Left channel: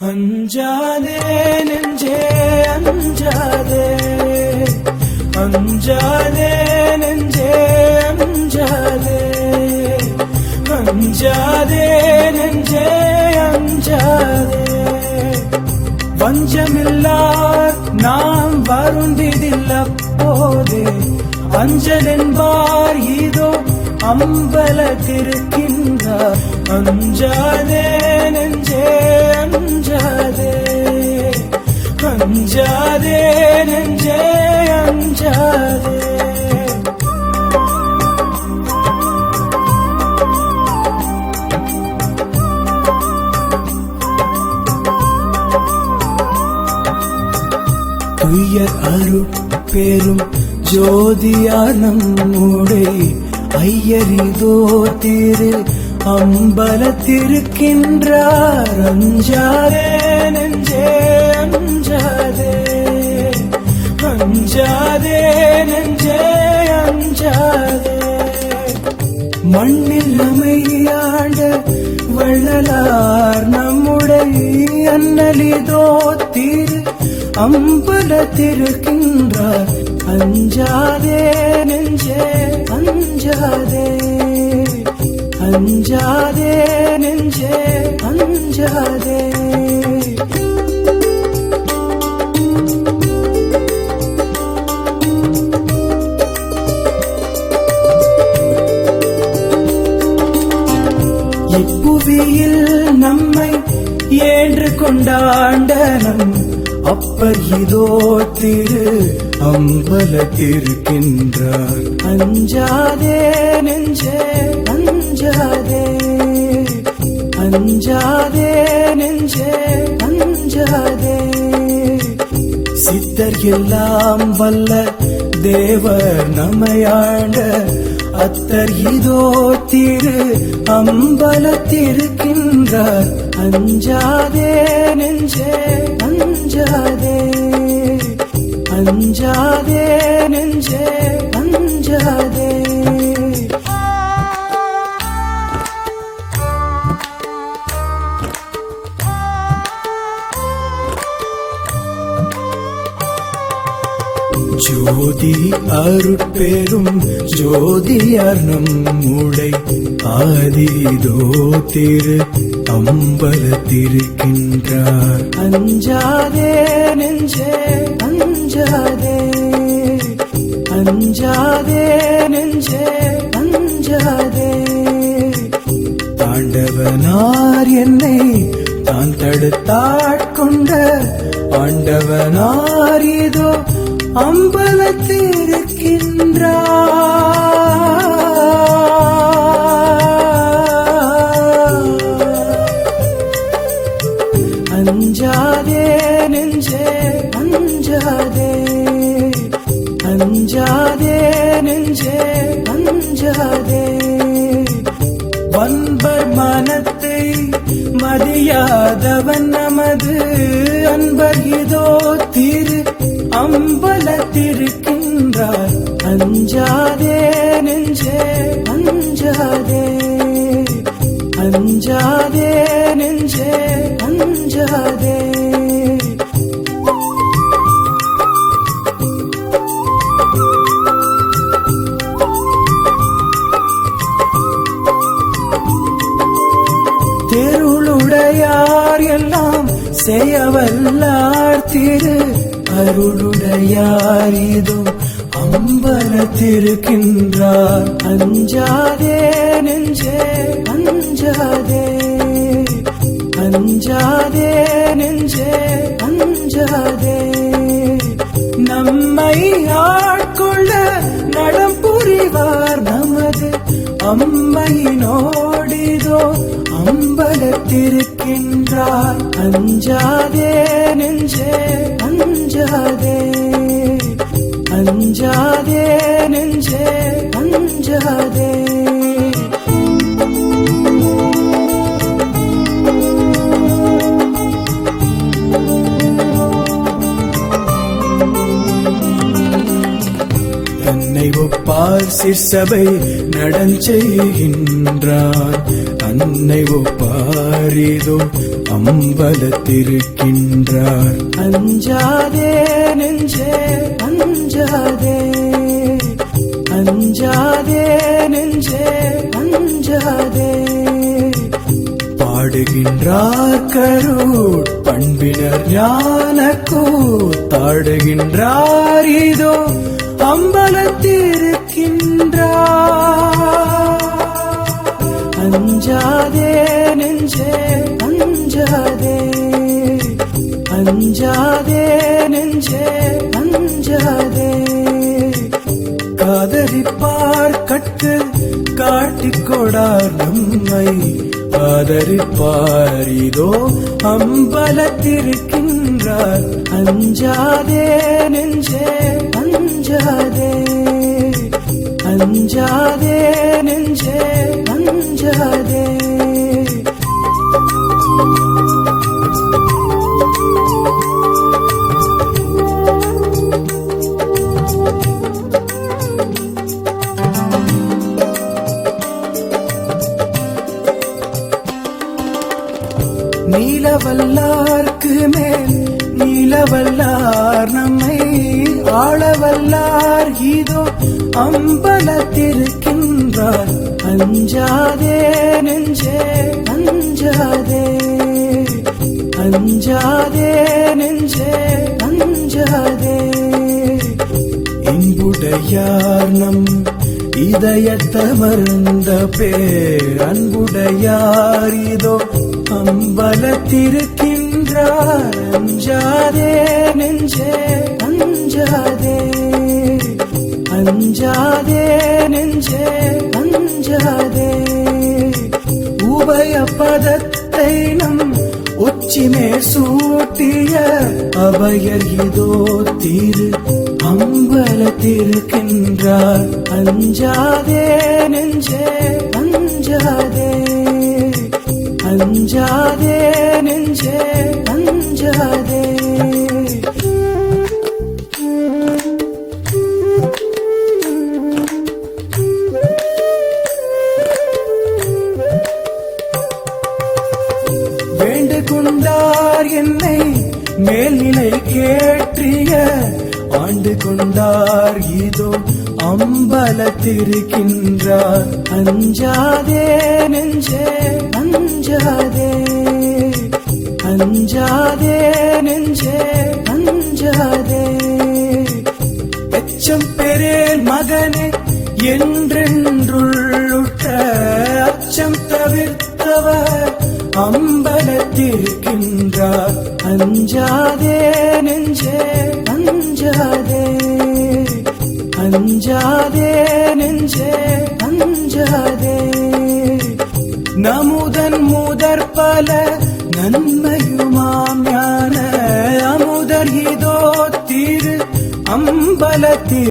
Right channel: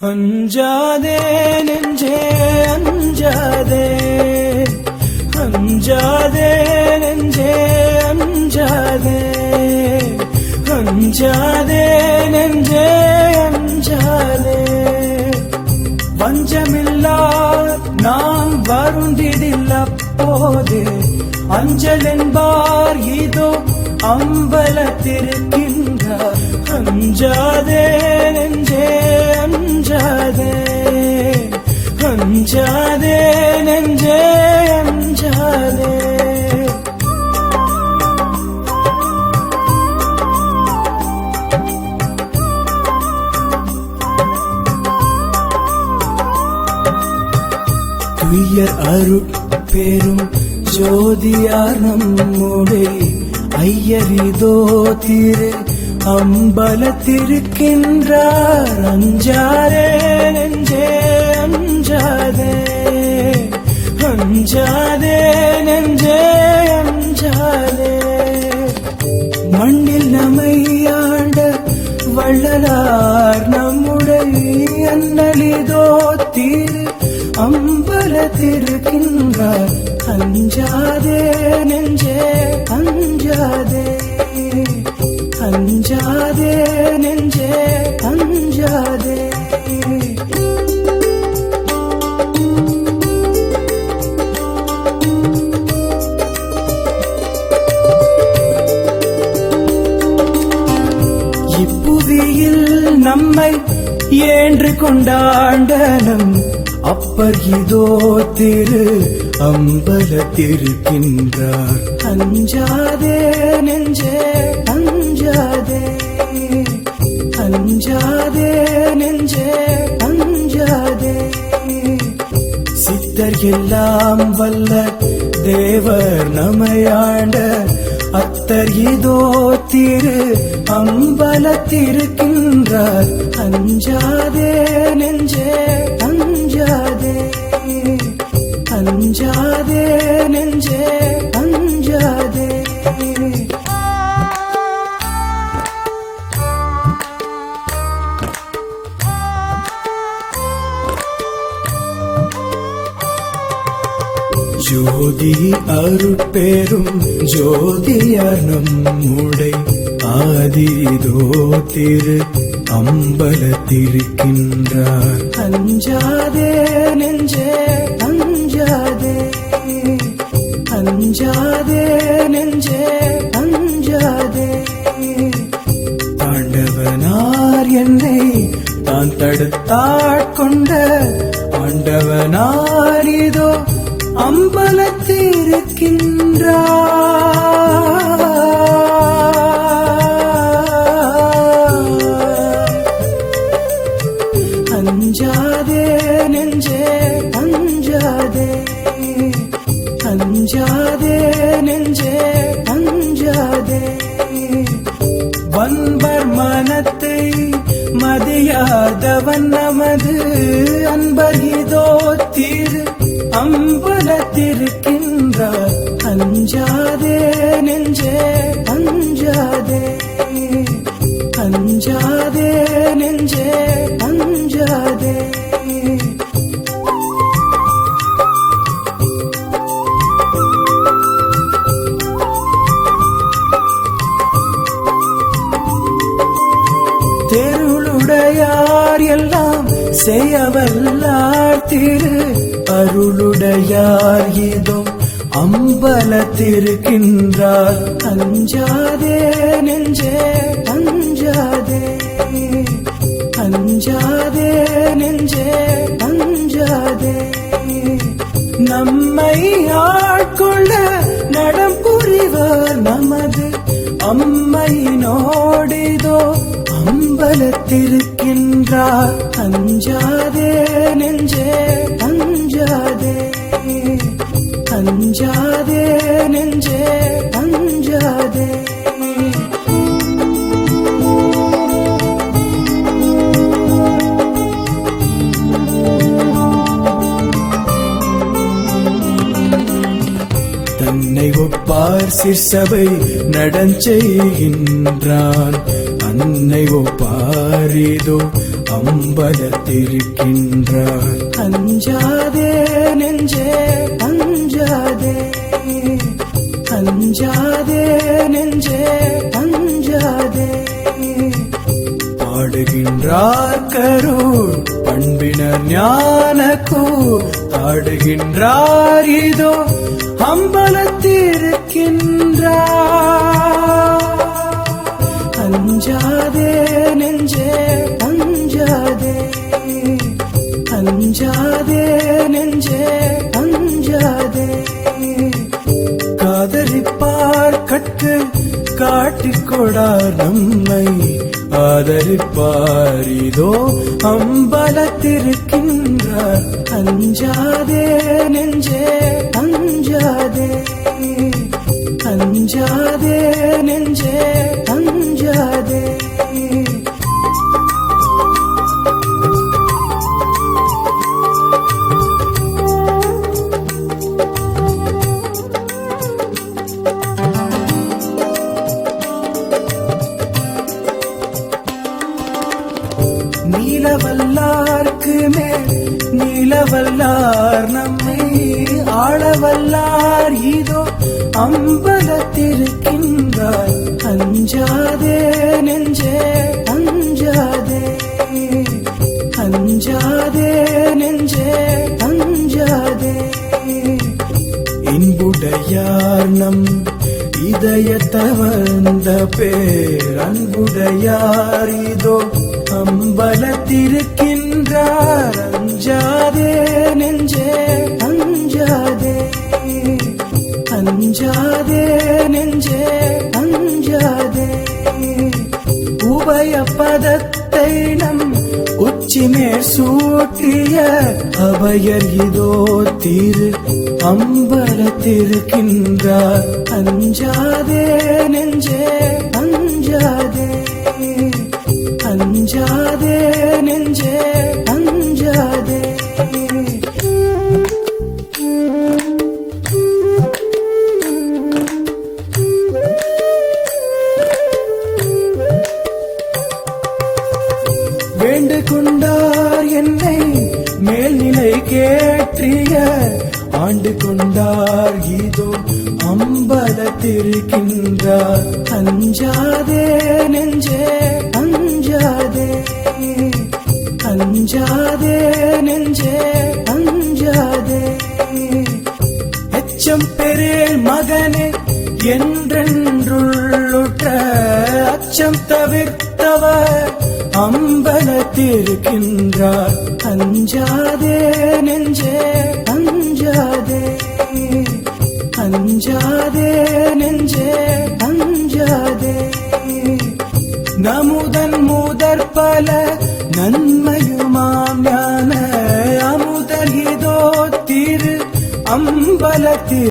அஞ்சாதே நெஞ்சே அஞ்சாதே. அஞ்சாதே நெஞ்சே அஞ்சாதே. அஞ்சாதே நெஞ்சே அஞ்சாதே. பஞ்சமில்லார் நாம் வருந்திதில்ல போது அஞ்சலின்பார் இதோ அம்பலத்திருக்கின்றார் அஞ்சாதே அஞ்சாதே நெஞ்சே அஞ்சாதே. துய அருட்பெரும் ஜோதியான மூடை ஐயரிதோ திரு அம்பலத்திருக்கின்றார் அஞ்சாரே நெஞ்சே அஞ்சாதே. அஞ்சாதே நெஞ்சே அஞ்சாதே. மண்ணில் அமையாண்ட வள்ளலார் நம்முடைய அண்ணலிதோ திரு அம்பலத்திருக்கின்றார். அஞ்சாதே நெஞ்சே அஞ்சாதே. நெஞ்சே அஞ்சாதே நம்மை ஏன்று கொண்டாண்டனம் அப்பர் இதோ திரு அம்பலத்திருக்கின்றார். எல்லாம் வல்ல தேவர் நமையாண்ட அத்தர் இதோ திரு. அம்பலத்திருக்கின்றார் அஞ்சாதே நெஞ்சே அஞ்சாதே அஞ்சாதே நெஞ்சே. அருட்பெரும் ஜோதியார் உடை ஆதிரோ திரு அம்பலத்திருக்கின்றார். அஞ்சாதே நெஞ்சே அஞ்சாதே அஞ்சாதே நெஞ்சே அஞ்சாதே தாண்டவனார் என்னை தான் தடுத்தார். அஞ்சாதே வன்பர் மனத்தை மதியாதவன் நமது. அன்பகிதோ திரு அம்பலத்திருக்கின்றார். அஞ்சாதே நெஞ்சே. காத்திருக்கின்றார். அஞ்சாதே ஒப்பார் சிற்சபை நடஞ்செய்கின்றார் அன்னை ஒப்பாரி இதோ அம்பலத்திருக்கின்றார். அஞ்சாதே நெஞ்சே அஞ்சாதே அஞ்சாதே நெஞ்சே அஞ்சாதே பாடுகின்றார் கரூர் பண்பினர் ஞான கூத்தாடுகின்றார் அம்பலத்திருக்கின்றார் அஞ்சாதே நெஞ்சே அஞ்சாதே. அஞ்சாதே நெஞ்சே அஞ்சாதே. ஆழ்வார் நம்மை ஆளவல்லார் இதோ அம்பலத்திருக்கின்றார். அஞ்சாதே நெஞ்சே அஞ்சாதே அஞ்சாதே நெஞ்சே அஞ்சாதே இன்புடையார் நம் இதயத்தமர்ந்த பேர். அன்புடையார் இதோ அம்பலத்திருக்கின்றார் அஞ்சாதே நெஞ்சே அஞ்சாதே. அஞ்சாதே நெஞ்சே அஞ்சாதே. உபய பதத்தை நம் உச்சிமே சூட்டிய அபயர் இதோ திரு. அம்பலத்திருக்கின்றார். அஞ்சாதே நெஞ்சே அஞ்சாதே. அஞ்சாதே நெஞ்சே. ஆண்டு கொண்டார் இதோ அம்பலத்திருக்கின்றார். அஞ்சாதே நெஞ்சே அஞ்சாதே. அஞ்சாதே நெஞ்சே அஞ்சாதே. அச்சம் மகனே என்றென்றுள்ளுட்ட அச்சம் தவிர்த்தவர். அம்பலத்திருக்கின்றார். அஞ்சாதே நெஞ்சே. அஞ்சாதே. நமுதன் மூதற் பல நன்மையுமாம் ஞான. அமுதர் திரு அம்பலத்தில்